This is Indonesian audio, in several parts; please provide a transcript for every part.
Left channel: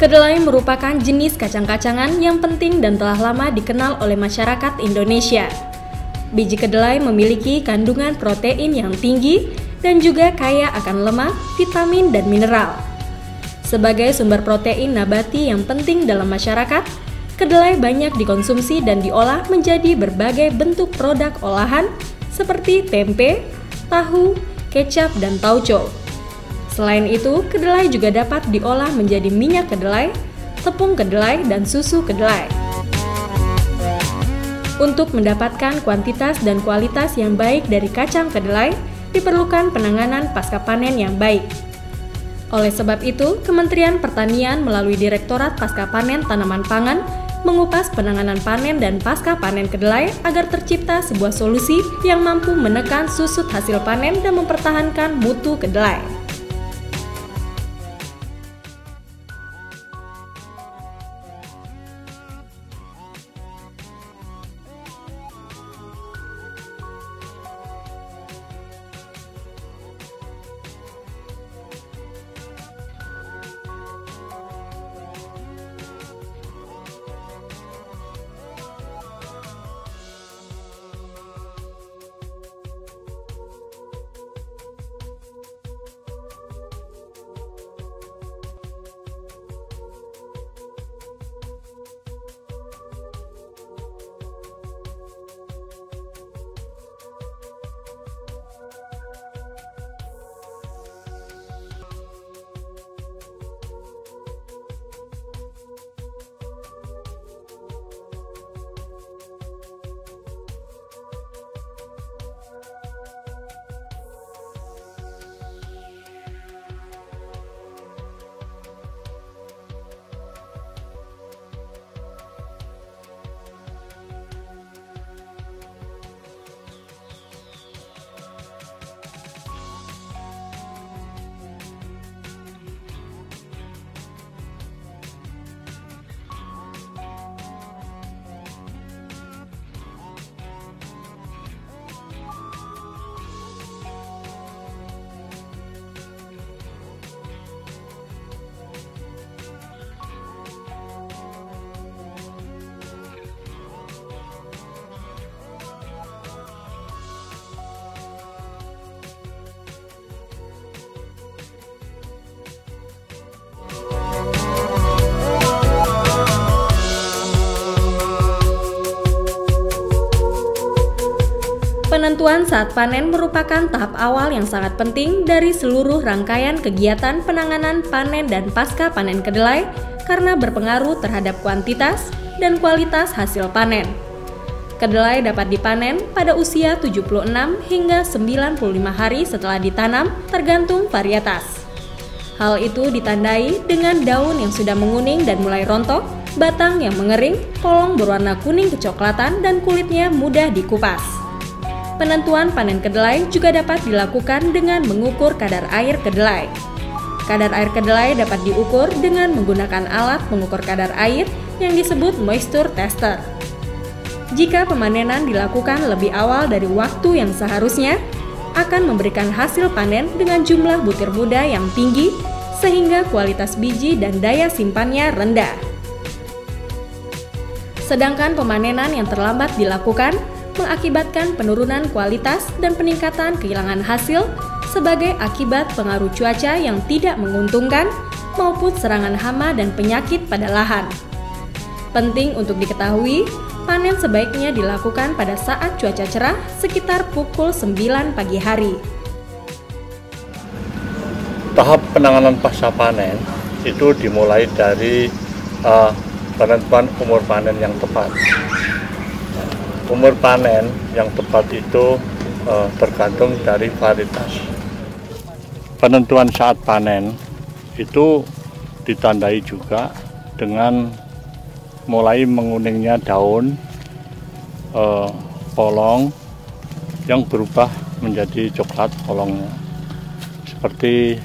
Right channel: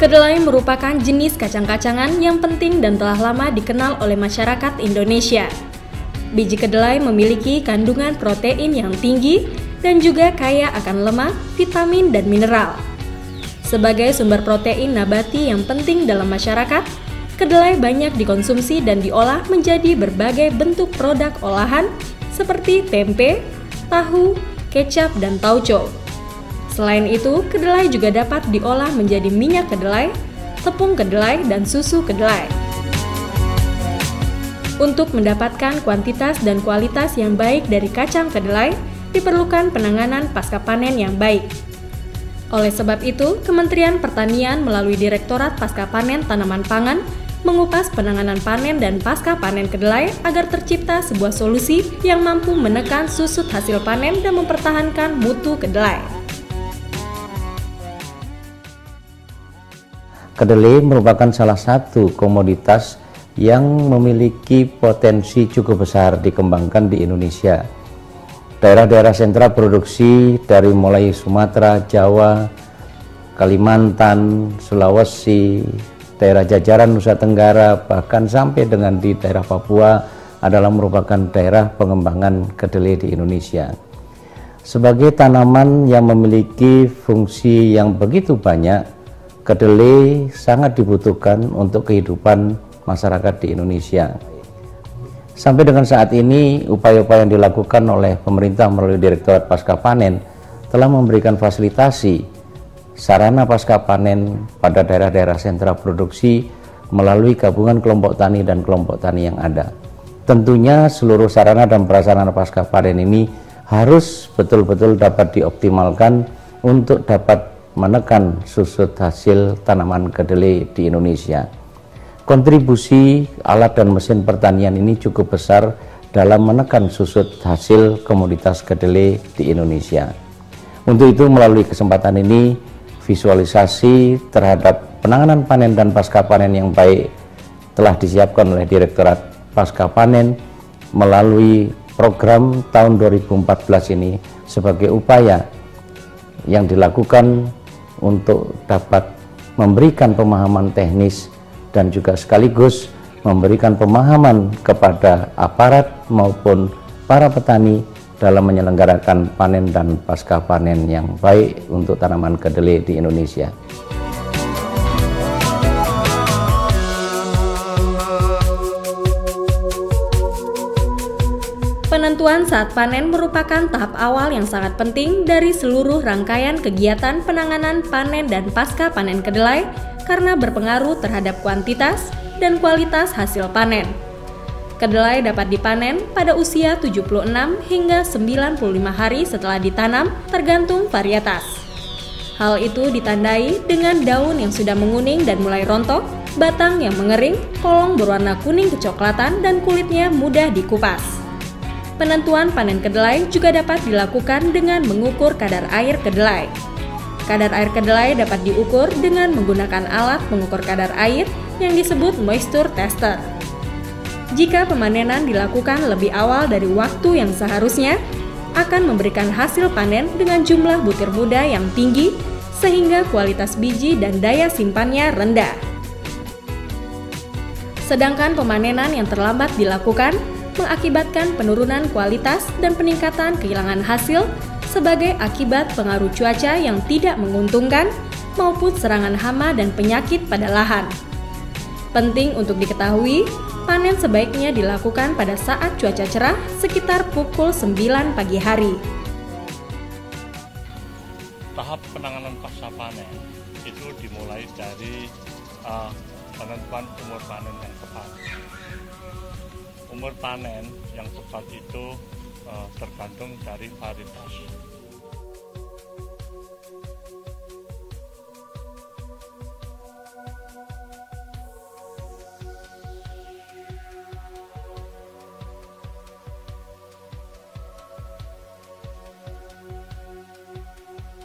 Kedelai merupakan jenis kacang-kacangan yang penting dan telah lama dikenal oleh masyarakat Indonesia. Biji kedelai memiliki kandungan protein yang tinggi dan juga kaya akan lemak, vitamin, dan mineral. Sebagai sumber protein nabati yang penting dalam masyarakat, kedelai banyak dikonsumsi dan diolah menjadi berbagai bentuk produk olahan seperti tempe, tahu, kecap, dan tauco. Selain itu, kedelai juga dapat diolah menjadi minyak kedelai, tepung kedelai, dan susu kedelai. Untuk mendapatkan kuantitas dan kualitas yang baik dari kacang kedelai, diperlukan penanganan pasca panen yang baik. Oleh sebab itu, Kementerian Pertanian melalui Direktorat Pasca Panen Tanaman Pangan mengupas penanganan panen dan pasca panen kedelai agar tercipta sebuah solusi yang mampu menekan susut hasil panen dan mempertahankan mutu kedelai. Kedelai merupakan salah satu komoditas yang memiliki potensi cukup besar dikembangkan di Indonesia. Daerah-daerah sentra produksi dari mulai Sumatera, Jawa, Kalimantan, Sulawesi, daerah jajaran Nusa Tenggara, bahkan sampai dengan di daerah Papua adalah merupakan daerah pengembangan kedelai di Indonesia. Sebagai tanaman yang memiliki fungsi yang begitu banyak, kedelai sangat dibutuhkan untuk kehidupan masyarakat di Indonesia. Sampai dengan saat ini, upaya-upaya yang dilakukan oleh pemerintah melalui Direktorat Pasca Panen telah memberikan fasilitasi sarana pasca panen pada daerah-daerah sentra produksi melalui gabungan kelompok tani dan kelompok tani yang ada. Tentunya seluruh sarana dan prasarana pasca panen ini harus betul-betul dapat dioptimalkan untuk dapat menekan susut hasil tanaman kedelai di Indonesia. Kontribusi alat dan mesin pertanian ini cukup besar dalam menekan susut hasil komoditas kedelai di Indonesia. Untuk itu, melalui kesempatan ini, visualisasi terhadap penanganan panen dan pasca panen yang baik telah disiapkan oleh Direktorat Pasca Panen melalui program tahun 2014 ini sebagai upaya yang dilakukan untuk dapat memberikan pemahaman teknis dan juga sekaligus memberikan pemahaman kepada aparat maupun para petani dalam menyelenggarakan panen dan pasca panen yang baik untuk tanaman kedelai di Indonesia. Penentuan saat panen merupakan tahap awal yang sangat penting dari seluruh rangkaian kegiatan penanganan panen dan pasca panen kedelai karena berpengaruh terhadap kuantitas dan kualitas hasil panen. Kedelai dapat dipanen pada usia 76 hingga 95 hari setelah ditanam tergantung varietas. Hal itu ditandai dengan daun yang sudah menguning dan mulai rontok, batang yang mengering, kolong berwarna kuning kecoklatan, dan kulitnya mudah dikupas. Penentuan panen kedelai juga dapat dilakukan dengan mengukur kadar air kedelai. Kadar air kedelai dapat diukur dengan menggunakan alat mengukur kadar air yang disebut moisture tester. Jika pemanenan dilakukan lebih awal dari waktu yang seharusnya, akan memberikan hasil panen dengan jumlah butir muda yang tinggi sehingga kualitas biji dan daya simpannya rendah. Sedangkan pemanenan yang terlambat dilakukan mengakibatkan penurunan kualitas dan peningkatan kehilangan hasil sebagai akibat pengaruh cuaca yang tidak menguntungkan maupun serangan hama dan penyakit pada lahan. Penting untuk diketahui, panen sebaiknya dilakukan pada saat cuaca cerah sekitar pukul 9 pagi hari. Tahap penanganan pasca panen itu dimulai dari penentuan umur panen yang tepat. Umur panen yang tepat itu tergantung dari varietas. Penentuan saat panen itu ditandai juga dengan mulai menguningnya daun, polong yang berubah menjadi coklat polongnya, seperti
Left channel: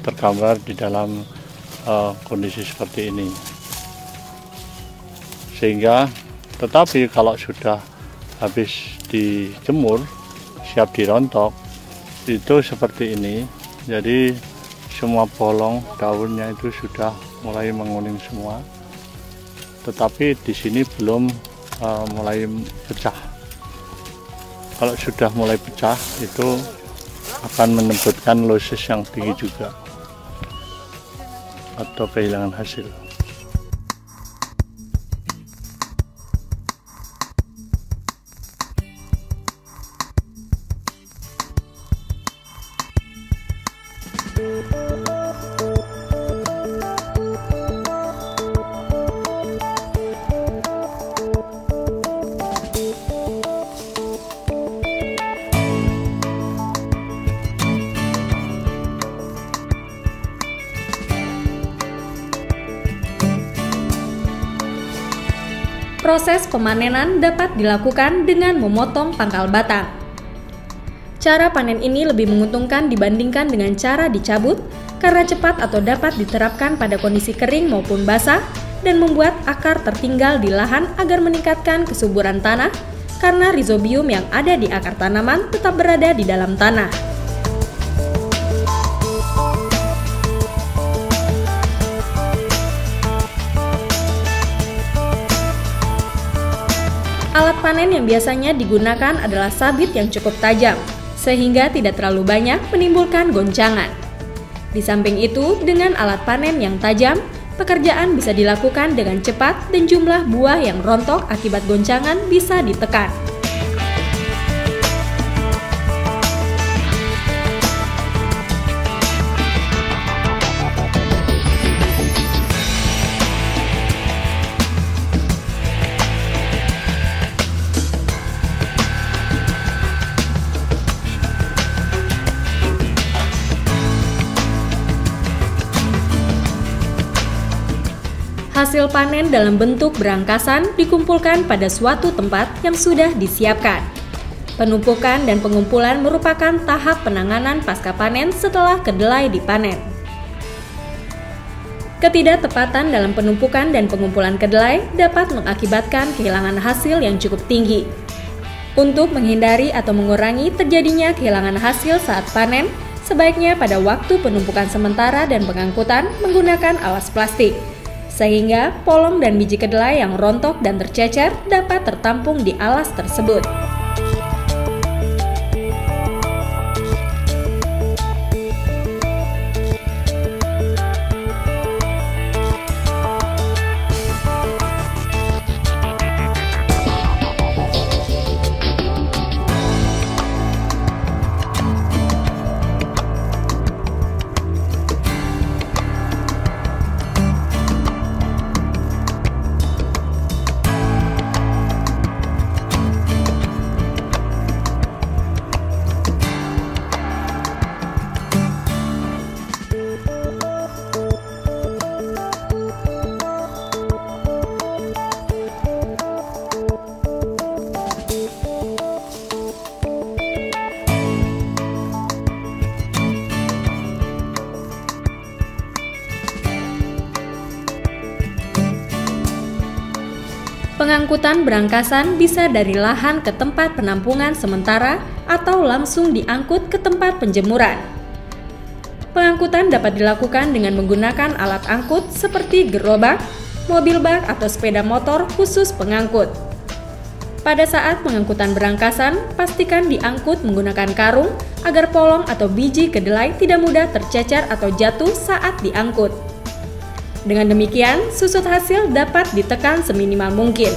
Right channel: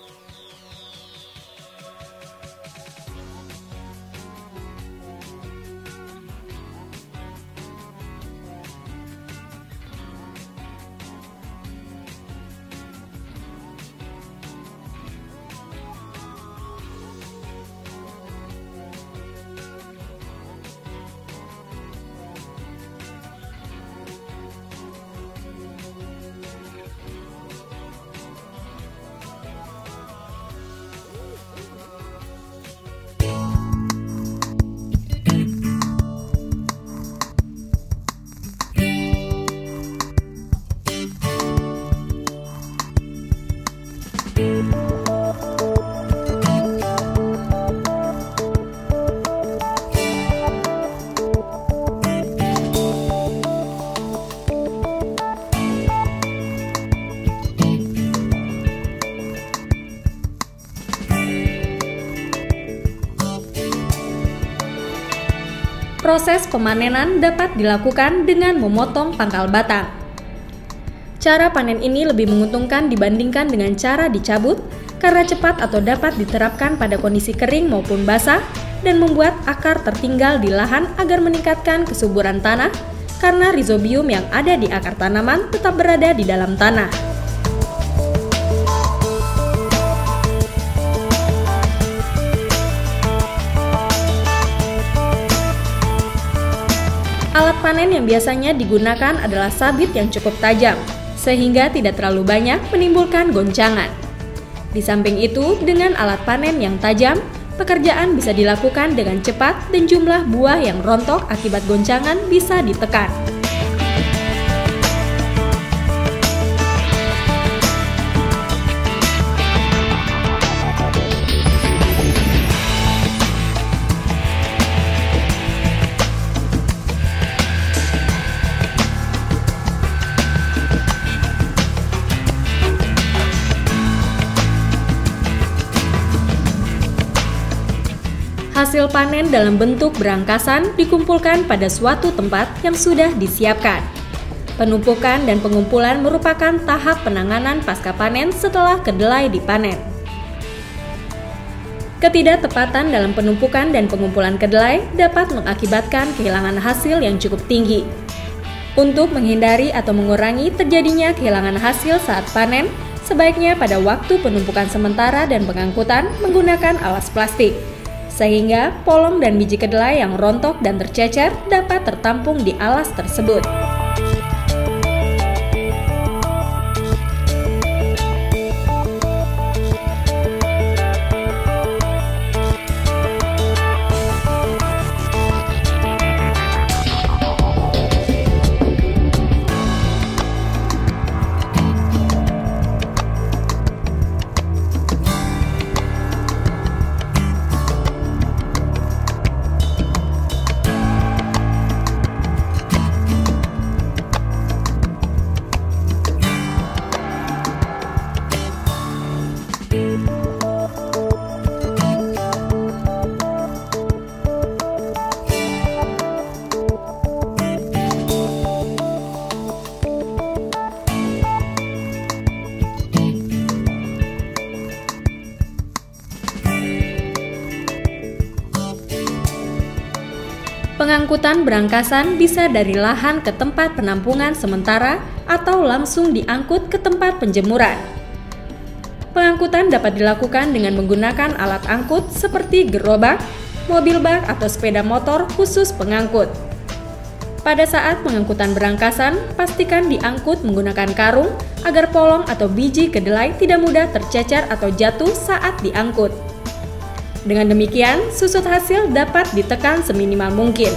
tergambar di dalam kondisi seperti ini. Sehingga tetapi kalau sudah habis dijemur, siap dirontok, itu seperti ini. Jadi semua bolong daunnya itu sudah mulai menguning semua, tetapi di sini belum mulai pecah. Kalau sudah mulai pecah itu akan menyebabkan losis yang tinggi juga atau kehilangan hasil. Proses pemanenan dapat dilakukan dengan memotong pangkal batang. Cara panen ini lebih menguntungkan dibandingkan dengan cara dicabut karena cepat atau dapat diterapkan pada kondisi kering maupun basah dan membuat akar tertinggal di lahan agar meningkatkan kesuburan tanah karena rhizobium yang ada di akar tanaman tetap berada di dalam tanah. Alat panen yang biasanya digunakan adalah sabit yang cukup tajam, sehingga tidak terlalu banyak menimbulkan goncangan. Di samping itu, dengan alat panen yang tajam, pekerjaan bisa dilakukan dengan cepat dan jumlah buah yang rontok akibat goncangan bisa ditekan. Hasil panen dalam bentuk berangkasan dikumpulkan pada suatu tempat yang sudah disiapkan. Penumpukan dan pengumpulan merupakan tahap penanganan pasca panen setelah kedelai dipanen. Ketidaktepatan dalam penumpukan dan pengumpulan kedelai dapat mengakibatkan kehilangan hasil yang cukup tinggi. Untuk menghindari atau mengurangi terjadinya kehilangan hasil saat panen, sebaiknya pada waktu penumpukan sementara dan pengangkutan menggunakan alas plastik, sehingga polong dan biji kedelai yang rontok dan tercecer dapat tertampung di alas tersebut. Pengangkutan berangkasan bisa dari lahan ke tempat penampungan sementara atau langsung diangkut ke tempat penjemuran. Pengangkutan dapat dilakukan dengan menggunakan alat angkut seperti gerobak, mobil bak atau sepeda motor khusus pengangkut. Pada saat pengangkutan berangkasan, pastikan diangkut menggunakan karung agar polong atau biji kedelai tidak mudah tercecer atau jatuh saat diangkut. Dengan demikian, susut hasil dapat ditekan seminimal mungkin.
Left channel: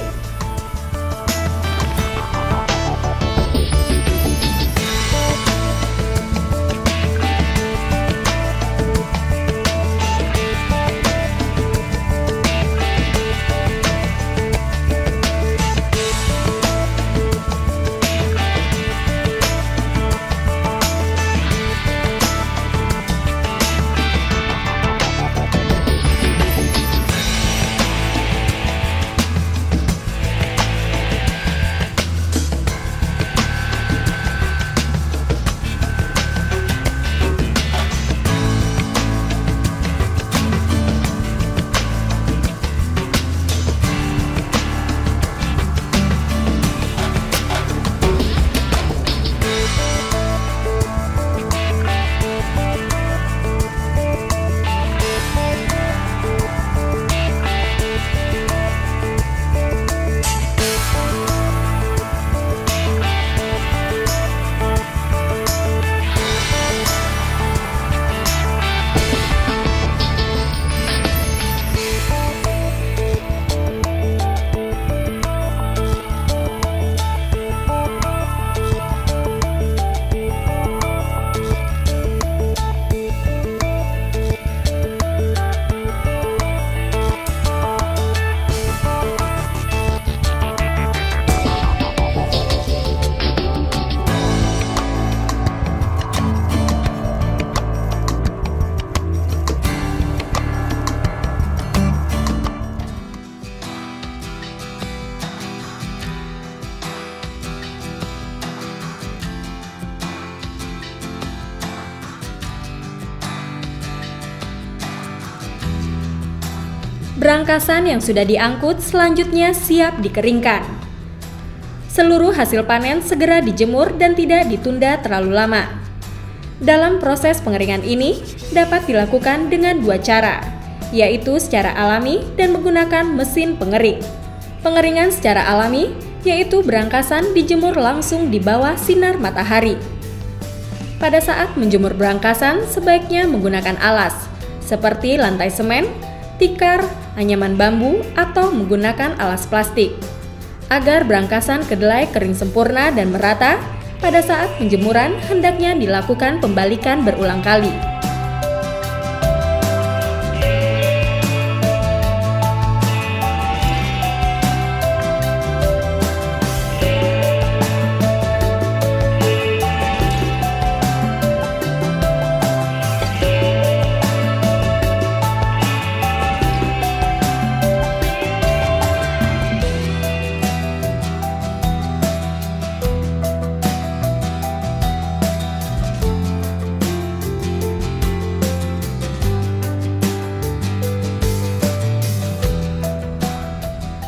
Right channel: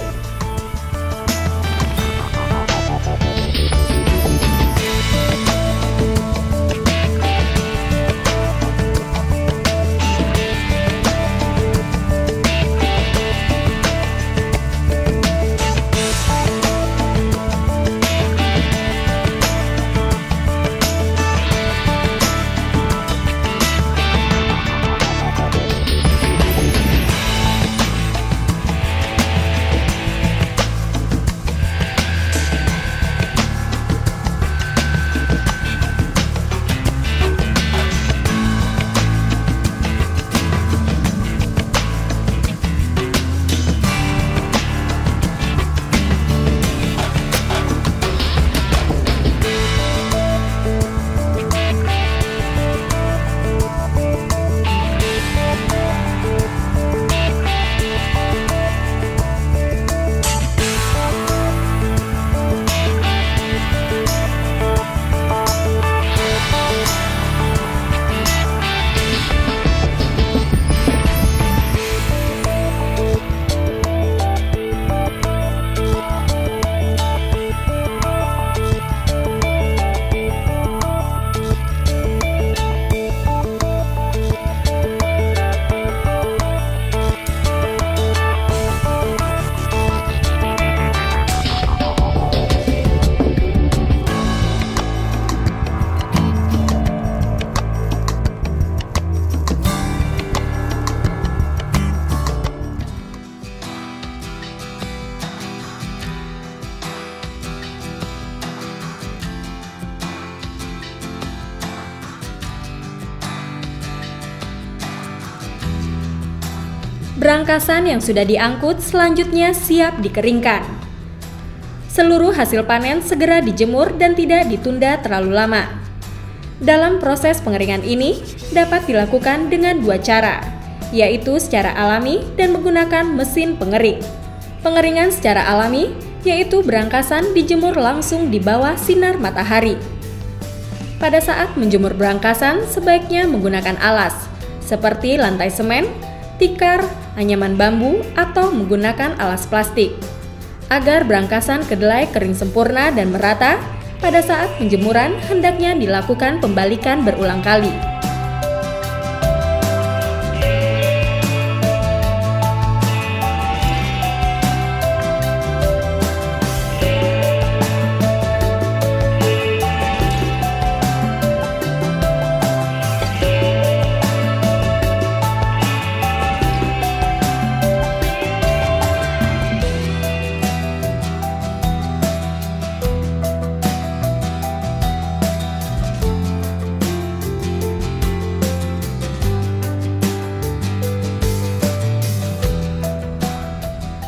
Berangkasan yang sudah diangkut selanjutnya siap dikeringkan. Seluruh hasil panen segera dijemur dan tidak ditunda terlalu lama. Dalam proses pengeringan ini dapat dilakukan dengan dua cara, yaitu secara alami dan menggunakan mesin pengering. Pengeringan secara alami yaitu berangkasan dijemur langsung di bawah sinar matahari. Pada saat menjemur berangkasan sebaiknya menggunakan alas, seperti lantai semen, tikar, anyaman bambu, atau menggunakan alas plastik. Agar berangkasan kedelai kering sempurna dan merata, pada saat penjemuran hendaknya dilakukan pembalikan berulang kali.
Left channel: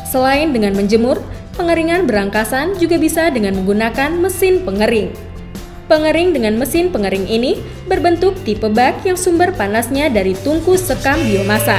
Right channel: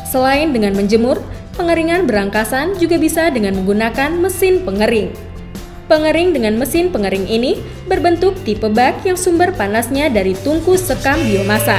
Selain dengan menjemur, pengeringan berangkasan juga bisa dengan menggunakan mesin pengering. Pengering dengan mesin pengering ini berbentuk tipe bak yang sumber panasnya dari tungku sekam biomasa.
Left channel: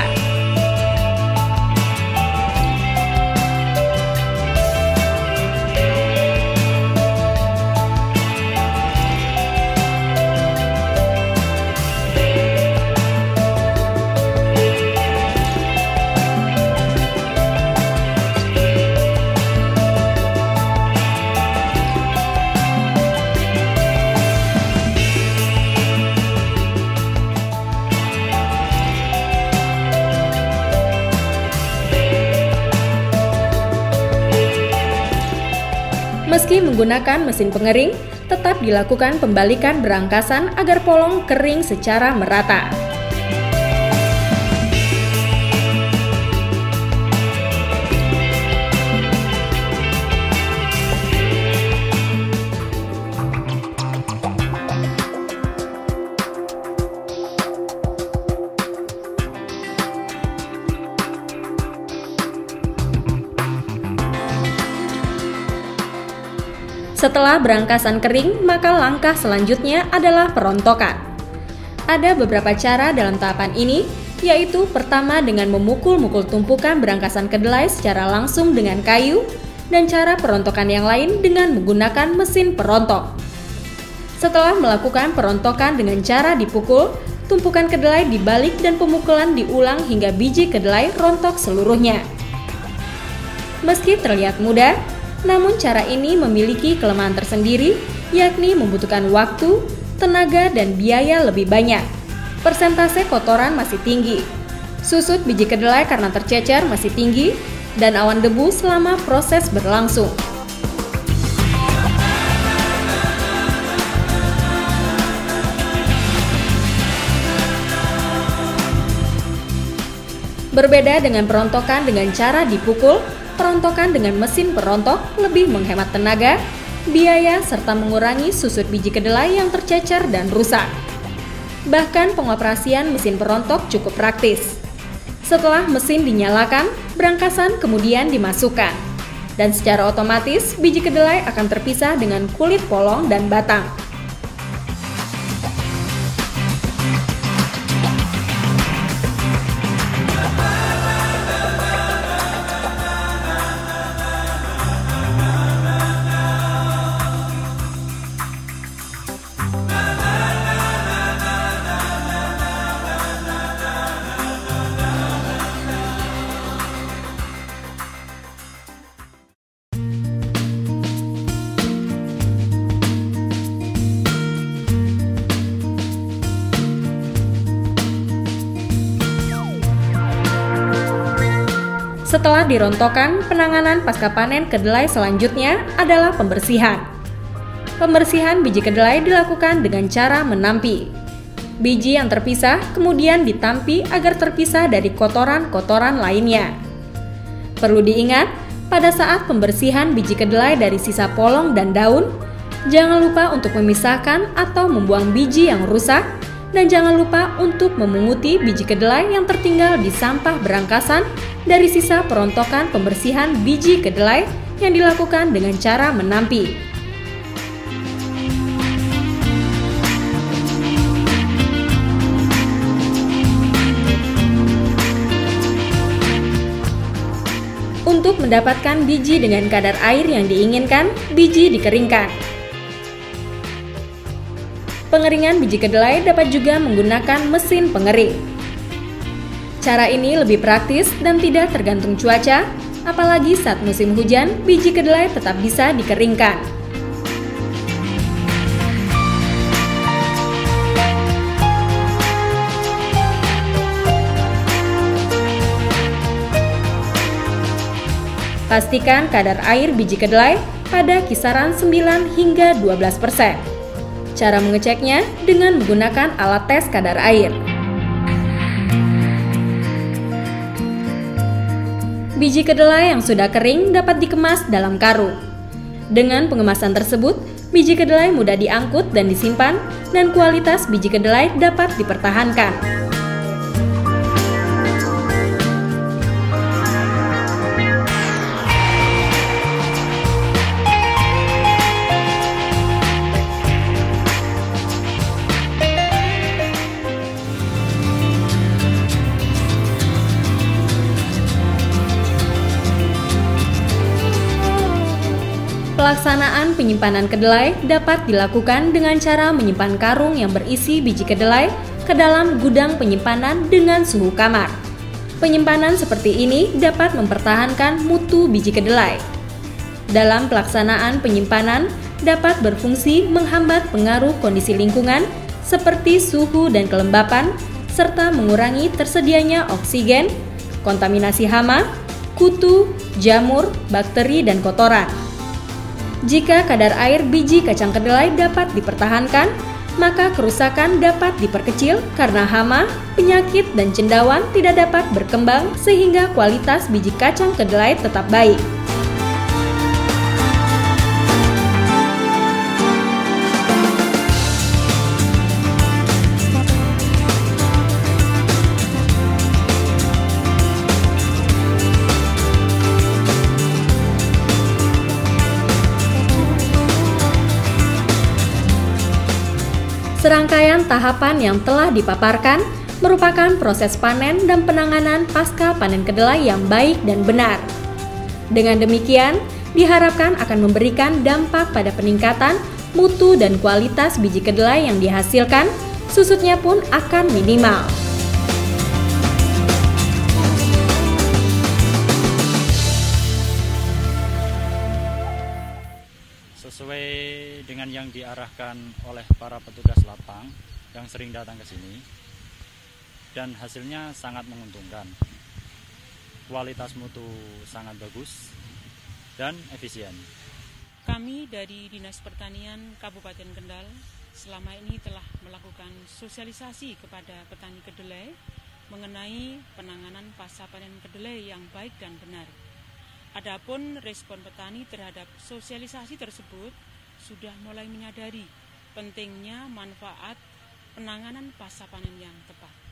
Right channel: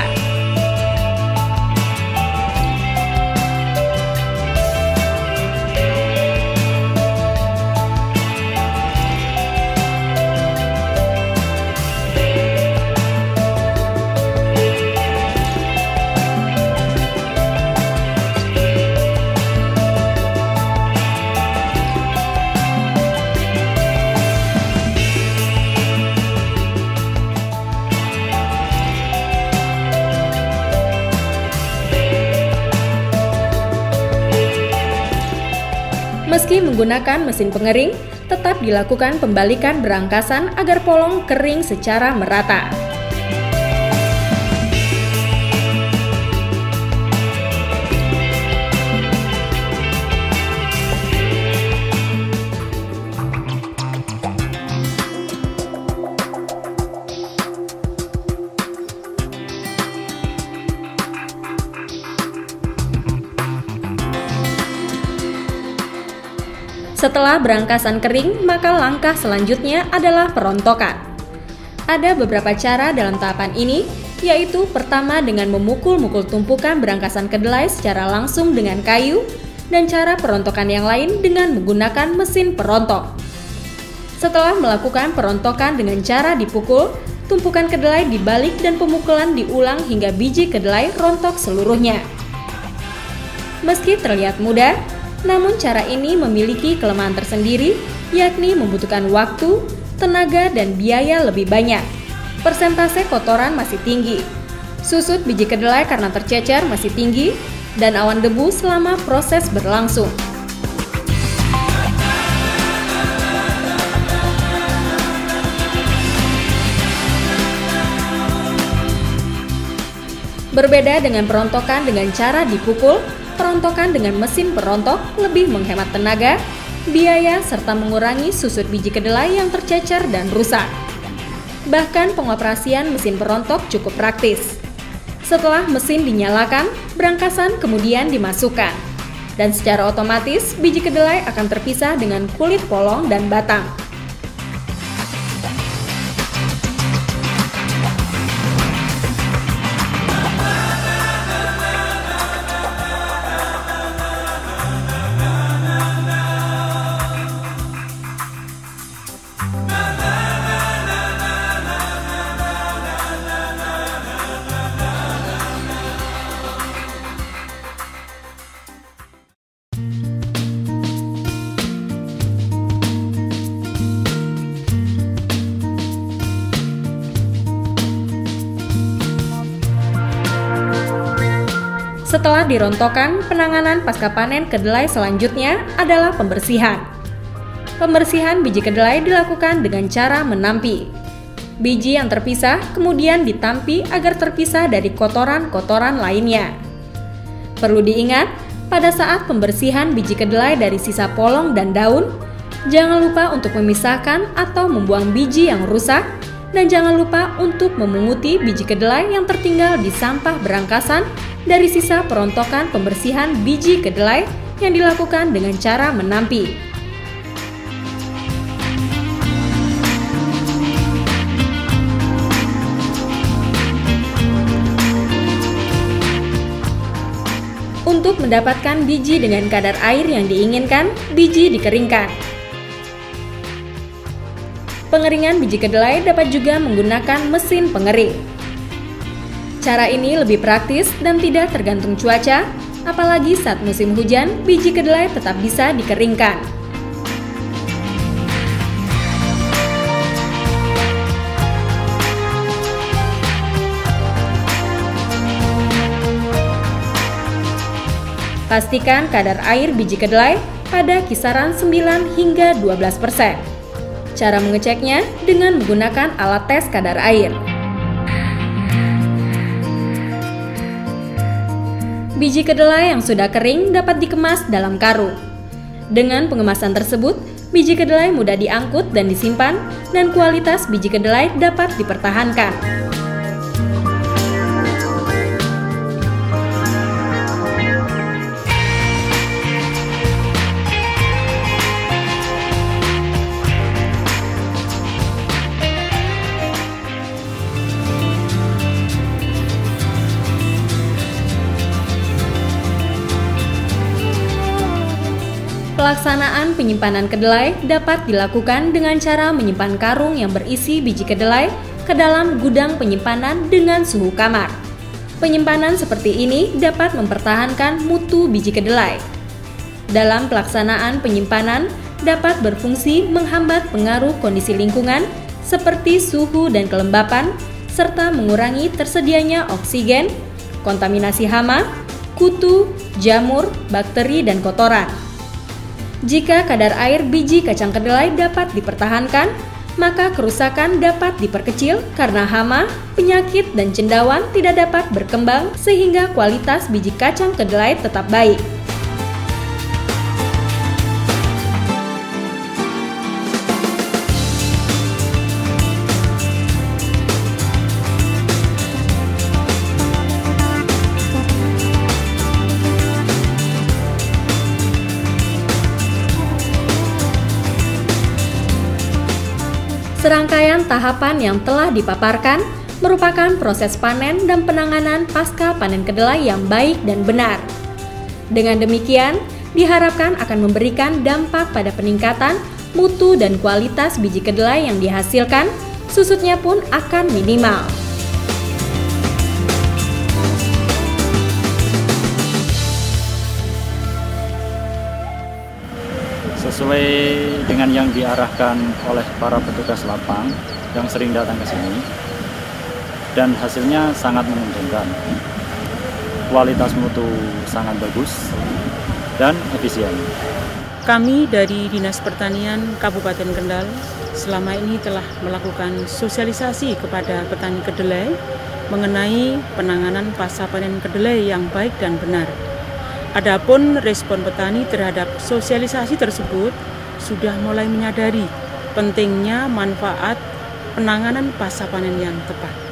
Meski menggunakan mesin pengering, tetap dilakukan pembalikan berangkasan agar polong kering secara merata. Setelah berangkasan kering, maka langkah selanjutnya adalah perontokan. Ada beberapa cara dalam tahapan ini, yaitu pertama dengan memukul-mukul tumpukan berangkasan kedelai secara langsung dengan kayu, dan cara perontokan yang lain dengan menggunakan mesin perontok. Setelah melakukan perontokan dengan cara dipukul, tumpukan kedelai dibalik dan pemukulan diulang hingga biji kedelai rontok seluruhnya. Meski terlihat mudah, namun cara ini memiliki kelemahan tersendiri, yakni membutuhkan waktu, tenaga, dan biaya lebih banyak. Persentase kotoran masih tinggi. Susut biji kedelai karena tercecer masih tinggi, dan awan debu selama proses berlangsung. Berbeda dengan perontokan dengan cara dipukul, perontokan dengan mesin perontok lebih menghemat tenaga, biaya, serta mengurangi susut biji kedelai yang tercecer dan rusak. Bahkan pengoperasian mesin perontok cukup praktis. Setelah mesin dinyalakan, berangkasan kemudian dimasukkan. Dan secara otomatis biji kedelai akan terpisah dengan kulit polong dan batang. Setelah dirontokkan, penanganan pasca panen kedelai selanjutnya adalah pembersihan. Pembersihan biji kedelai dilakukan dengan cara menampi. Biji yang terpisah kemudian ditampi agar terpisah dari kotoran-kotoran lainnya. Perlu diingat, pada saat pembersihan biji kedelai dari sisa polong dan daun, jangan lupa untuk memisahkan atau membuang biji yang rusak, Dan jangan lupa untuk memunguti biji kedelai yang tertinggal di sampah berangkasan dari sisa perontokan pembersihan biji kedelai yang dilakukan dengan cara menampi. Untuk mendapatkan biji dengan kadar air yang diinginkan, biji dikeringkan. Pengeringan biji kedelai dapat juga menggunakan mesin pengering. Cara ini lebih praktis dan tidak tergantung cuaca, apalagi saat musim hujan, biji kedelai tetap bisa dikeringkan. Pastikan kadar air biji kedelai pada kisaran 9 hingga 12%. Cara mengeceknya dengan menggunakan alat tes kadar air. Biji kedelai yang sudah kering dapat dikemas dalam karung. Dengan pengemasan tersebut, biji kedelai mudah diangkut dan disimpan, dan kualitas biji kedelai dapat dipertahankan. Pelaksanaan penyimpanan kedelai dapat dilakukan dengan cara menyimpan karung yang berisi biji kedelai ke dalam gudang penyimpanan dengan suhu kamar. Penyimpanan seperti ini dapat mempertahankan mutu biji kedelai. Dalam pelaksanaan penyimpanan dapat berfungsi menghambat pengaruh kondisi lingkungan seperti suhu dan kelembapan, serta mengurangi tersedianya oksigen, kontaminasi hama, kutu, jamur, bakteri, dan kotoran. Jika kadar air biji kacang kedelai dapat dipertahankan, maka kerusakan dapat diperkecil karena hama, penyakit, dan cendawan tidak dapat berkembang sehingga kualitas biji kacang kedelai tetap baik. Serangkaian tahapan yang telah dipaparkan merupakan proses panen dan penanganan pasca panen kedelai yang baik dan benar. Dengan demikian, diharapkan akan memberikan dampak pada peningkatan mutu dan kualitas biji kedelai yang dihasilkan, susutnya pun akan minimal. Sesuai dengan yang diarahkan oleh para petugas lapang yang sering datang ke sini, dan hasilnya sangat menguntungkan. Kualitas mutu sangat bagus dan efisien. Kami dari Dinas Pertanian Kabupaten Kendal selama ini telah melakukan sosialisasi kepada petani kedelai mengenai penanganan pasca panen kedelai yang baik dan benar. Adapun respon petani terhadap sosialisasi tersebut sudah mulai menyadari pentingnya manfaat penanganan pasca panen yang tepat.